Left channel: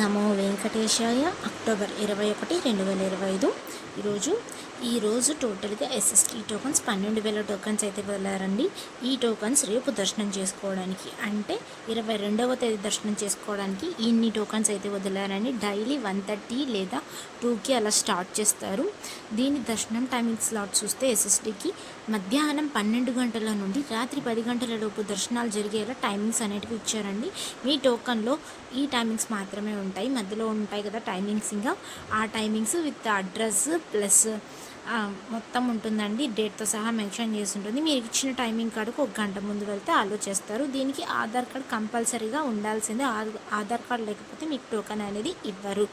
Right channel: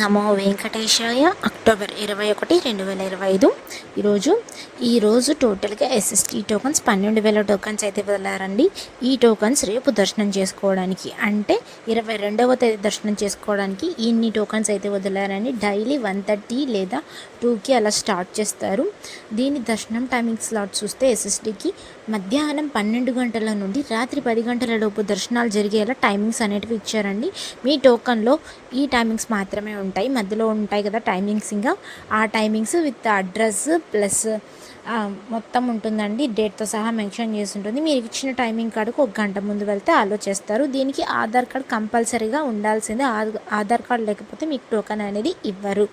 నమో వెంకటేశాయ. October 21, 2025 ఈరోజు టోటల్గా SST tokens 12,000 tokens అయితే వదిలారండి. ఈ టోకన్స్ రేపు దర్శనం చేసుకోవడానికి, అంటే 22వ తేదీ దర్శనం చేసుకోవడానికి ఇన్ని టోకన్స్ అయితే వదిలారండి. డైలీ 1:30 లేదా 2కి అలా స్టార్ట్ చేస్తారు. దీని దర్శనం టైమింగ్ స్లాట్ చూస్తే ఎస్ఎస్టీకి మధ్యాహ్నం 12 గంటల నుండి రాత్రి 10 గంటల లోపు దర్శనాలు జరిగేలా టైమింగ్స్ అనేటివి ఇచ్చారండి. మీ టోకన్లో ఈ టైమింగ్స్ మాత్రమే ఉంటాయి, మధ్యలో ఉంటాయి కదా టైమింగ్స్, ఇంకా ఆ టైమింగ్స్ విత్ అడ్రస్ ప్లస్ మొత్తం ఉంటుందండి. డేట్తో సహా మెన్షన్ చేసి ఉంటుంది. మీరు ఇచ్చిన టైమింగ్ కాడకు 1 గంట ముందు వెళ్తే అలో చేస్తారు. దీనికి ఆధార్ కార్డ్ కంపల్సరీగా ఉండాల్సిందే. ఆధార్ కార్డ్ లేకపోతే మీకు టోకన్ అనేది ఇవ్వరు.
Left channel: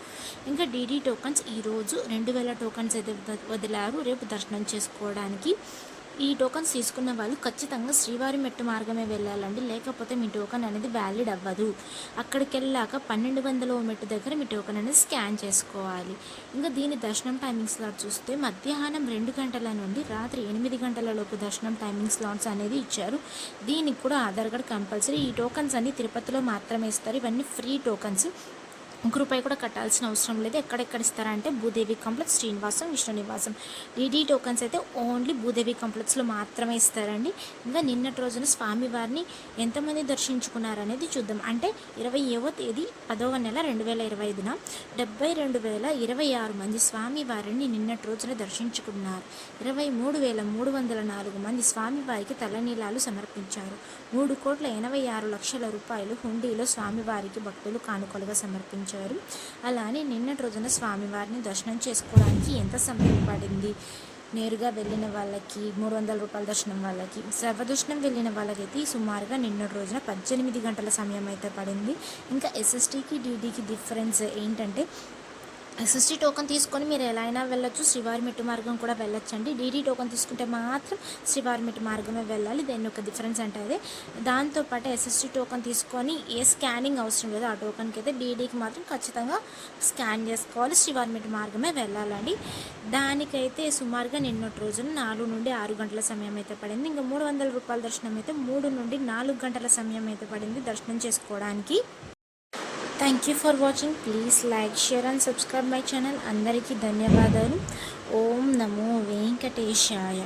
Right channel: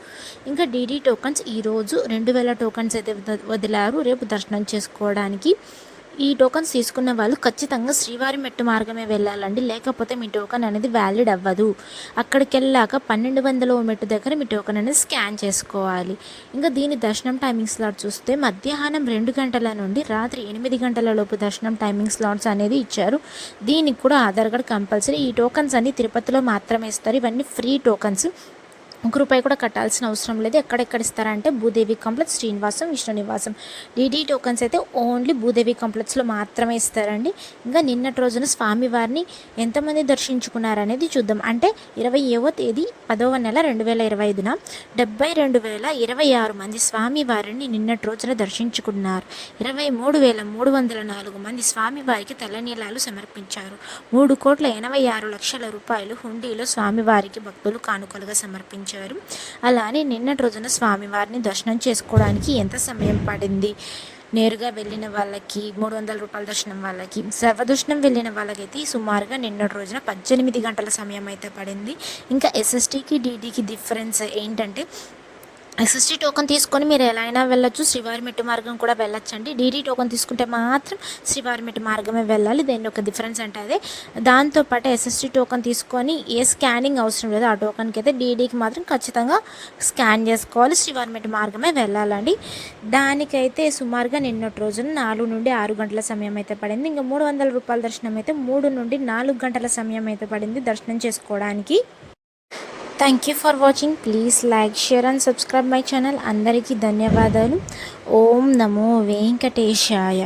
ఇంకా డీడీ టోకన్స్ ఈరోజు 2,000 టోకన్స్ అయితే వదిలారు రేపు దర్శనం చేసుకోవడానికి. ఈ టోకన్స్ తీసుకున్న వాళ్ళు ఖచ్చితంగా శ్రీవారి మెట్టు మార్గమే వెళ్ళాలండి, లేకపోతే మీ టోకన్ అనేది వ్యాలిడ్ అవ్వదు. అక్కడికి వెళ్ళాక 1200వ మెట్టు దగ్గర మీ టోకన్ అనేది స్కాన్ చేసుకోవాలి. ఇంకా దీని దర్శనం టైమింగ్ స్లాట్ చూస్తే మధ్యాహ్నం 2 గంటల నుండి రాత్రి 8 గంటల లోపు దర్శనం టైమింగ్ స్లాట్స్ అనేది ఇచ్చారు. దీనికి కూడా ఆధార్ కార్డ్ కంపల్సరీ. ఈ టోకన్స్ అన్ని తిరుపతిలో మాత్రమే ఇస్తారు. ఇవన్నీ ఫ్రీ టోకన్స్, ₹1 కూడా కట్టాల్సిన అవసరం లేదు. ఎక్కడెక్కడ ఇస్తారంటే భూదేవి కాంప్లెక్స్, శ్రీనివాసం, విష్ణు నివాసం. డీడీ టోకన్స్ అయితే ఓన్లీ భూదేవి కాంప్లెక్స్లో మాత్రమే ఇస్తారండి. ఇంకా నిన్నటి రోజున స్వామివారిని ఎంతమంది దర్శించుకున్నారనేది చూద్దాం. అంటే 20వ తేదీ 10వ నెల 2025న 72,026 మంది స్వామివారిని నిన్నటి రోజున దర్శించుకున్నారు. 23,304 మంది స్వామివారికి తలనీలాలు సమర్పించారు. 3,86,00,000 రూపాయలు హుండీలో స్వామివారికి భక్తులు కానుకలుగా సమర్పించారు. అలానే నిన్నటి రోజున స్వామివారిని దర్శనం చేసుకోవడానికి ఎంత సమయం పడింది? నేరుగా వెళ్ళిన వాళ్ళకి 300 రూపాయల దర్శనం, వాళ్ళకి సర్వదర్శనం వెళ్ళిన వాళ్ళకైతే సుమారుగా నిన్నటి రోజున 18 గంటల సమయం అయితే పడింది. ఇంకా ఎస్ఎస్టీకి డీడీకి డిఫరెన్స్ ఏంటంటే, ఎస్ఎస్టీ టోకన్ తీసుకొని మీరు ఎలా అయినా వెళ్ళొచ్చు, శ్రీవారి మెట్టు మార్గం కూడా వెళ్ళొచ్చండి. డీడీ టోకన్ తీసుకుంటే మాత్రం శ్రీవారి మెట్టు మార్గమే వెళ్ళాలి. దీని ఒక డిఫరెన్స్ అంటే అదే. దాంతోపాటు ఎస్ఎస్టీ టోకన్ తీసుకొని ఏ స్కానింగ్ అవసరం లేదు ఆ టోకన్కి అయితే. డీడీకి మాత్రం ఖచ్చితంగా స్కాన్ చేసుకోవాలి, శ్రీవారి మెట్టు మార్గమే వెళ్ళాలండి. దానికైతే సుమారుగా నిన్నటి రోజున 4 నుండి 6 గంటల సమయం అయితే పడింది. ఇంకా 300 రూపాయల దర్శనం అయితే 3 నుండి 4 గంటల సమయం అయితే పడింది దర్శనం చేసుకోవడానికి. Thank you for watching. Please like, share and subscribe my channel. అందరికీ ధన్యవాదాలు. ఓం నమో వెంకటేశాయ.